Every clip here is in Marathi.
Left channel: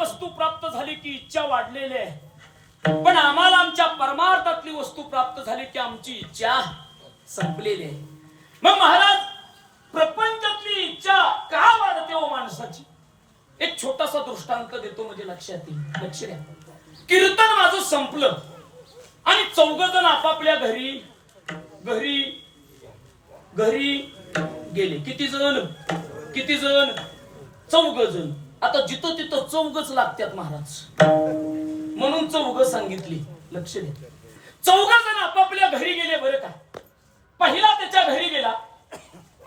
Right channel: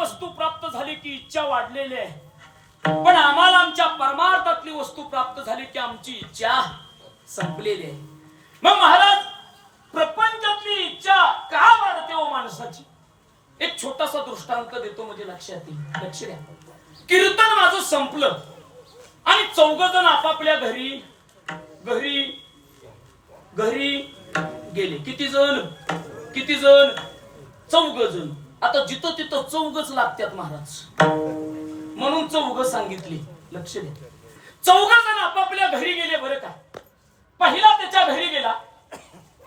वस्तू प्राप्त झाली की इच्छा वाढलेली आहे, पण आम्हाला आमच्या परमार्थातली वस्तू प्राप्त झाली की आमची इच्छा संपलेली आहे. मग महाराज, प्रपंचातली इच्छा का वाढते हो माणसाची? एक छोटासा दृष्टांत देतो म्हणजे लक्षात येईल. लक्ष द्या. कीर्तन माझं संपलं आणि चौघजण आपापल्या घरी घरी घरी गेले. किती जण? चौघजण. आता जिथं तिथं चौघच लागतात महाराज, म्हणून चौघ सांगितली. लक्ष द्या. चौघजण आपापल्या घरी गेले. बरं का, पहिला त्याच्या घरी गेला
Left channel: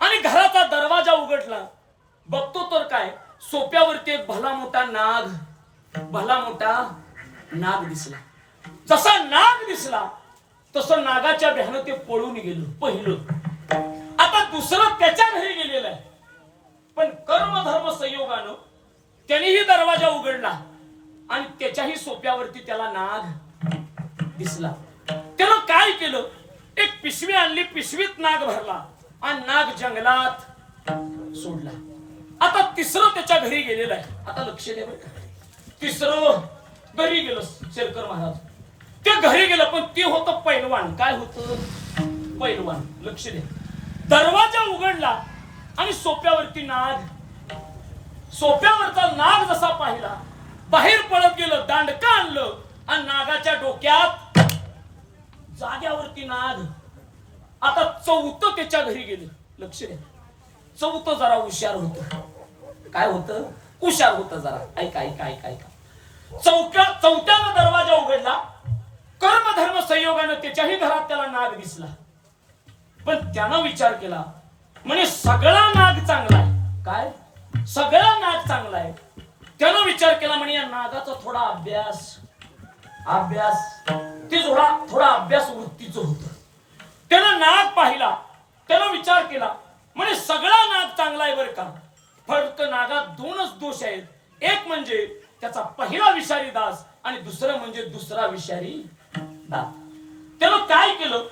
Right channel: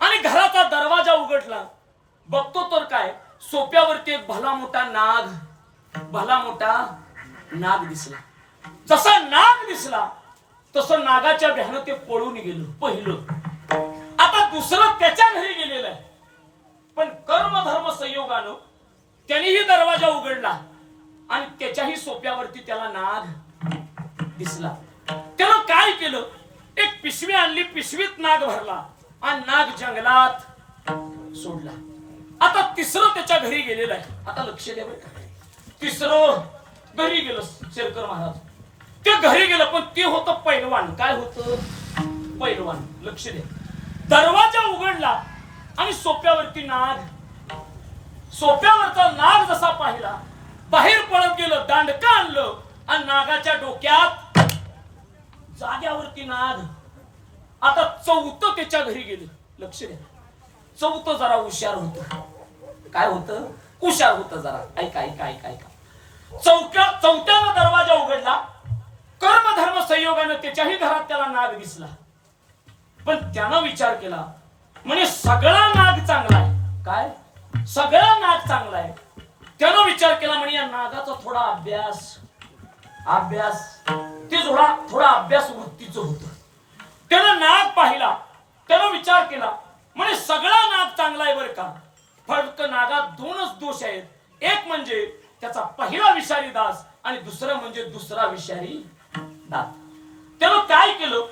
आणि घराचा दरवाजा उघडला. बघतो तर काय, सोप्यावरती एक भला मोठा नाग दिसला. जसा नाग दिसला तसं नागाच्या भ्यानं ते पळून गेलं पहिलं. आता दुसरं त्याच्या घरी गेलेलं आहे, पण कर्मधर्म संयोगानं त्यानेही दरवाजा उघडला आणि त्याच्याही सोप्यावरती त्याला नाग दिसला. त्यानं काय केलं, एक पिशवी आणली, पिशवीत नाग भरला आणि नाग जंगलात सोडला. आता तिसरं त्याच्या घरी गेलेलं आहे. आता लक्ष द्या बरं. तिसरं घरी गेलं शेरकर महाराज. ते घरी गेलं, पण ते होतं पैलवान. काय होतं? पैलवान. लक्ष द्या. दरवाजा उघडला आणि सोप्यावरती नाग. सोप्यावरचा नाग जसा पाहिला, बाहेर पळत गेलं, दांडका आणलं आणि नागाच्या डोक्यात जाग्यावरती नाग. आता चौथं त्याच्या घरी गेले. लक्ष द्या. चौथं जरा हुशार होतं. काय होतं? हुशार होतं जरा. ऐका. चौथ्याला दरवाजा उघडला. कर्मधर्म संयोगानं त्याच्याही घरात त्याला नाग दिसला, पण त्यानं विचार केला, म्हणजे सगळा नाग चांगला आहे. काय? सगळा नाग चांगला आहे. त्यानं विचार केला, म्हणजे या नागाचा थोडा अभ्यास ते थोडा अभ्यास वृत्तीचं होतं. त्यानं नाग पाहिला. त्यानं विचार केला, म्हणजे सगळा नाग चांगला आहे बरं का, फक्त नागात दोनच दोष आहेत. एक म्हणजे त्याचा पहिला विषारी दास आणि दुसरं म्हणजे दुसरा विषारी दात. त्यानं काय केलं,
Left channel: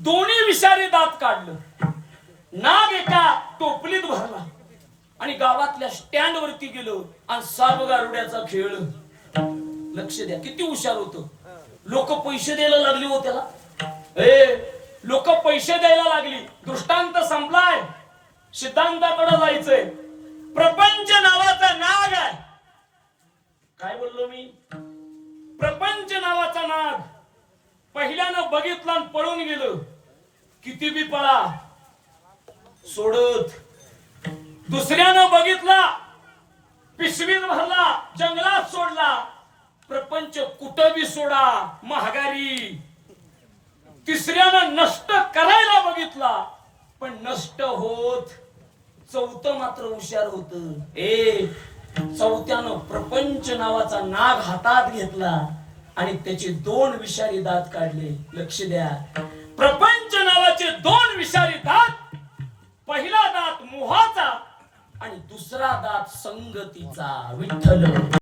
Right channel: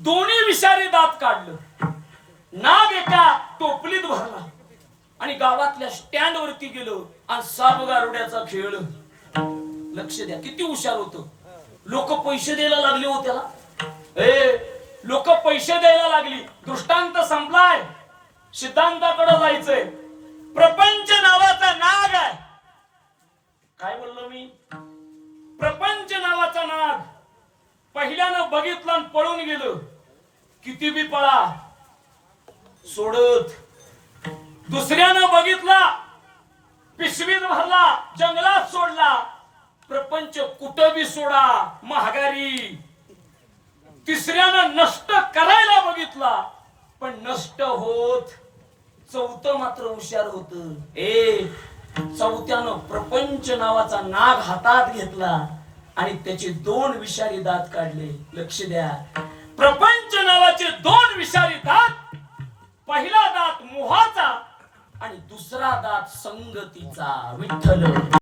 दोन्ही विषारी दात काढलं, नाग एका टोपलीत भरला आणि गावातल्या स्टँड वरती गेलो आणि सापगारुड्याचा खेळ. लक्ष द्या, किती हुशार होतं. लोक पैसे द्यायला लागले हो त्याला. लोक पैसे द्यायला लागली. दृष्टांत संपलाय, सिद्धांताकडे जायचंय. प्रपंच नावाचा नाग आहे. काय बोललो मी? प्रपंच नावाचा नाग. पहिल्यानं बघितलं आणि पळून गेलं. किती बी पळा सोडत. दुसऱ्यानं बघितला, पिशवीत भरला, जंगलात सोडला. प्रपंच कुठं बी सोडा, महागारी. तिसऱ्यानं नष्ट करायला बघितला, पण नष्ट होत. चौथं मात्र हुशार होत. चौथ्यानं प्रपंच नावाचा नाग हातात घेतला आणि त्याचे दोन विषारी दात काढले. लक्ष द्या. प्रपंच नावाचे दोन विषारी दात. पहिला दात मोहाचा आणि दुसरा दात संगतीचा. विठ्ठल.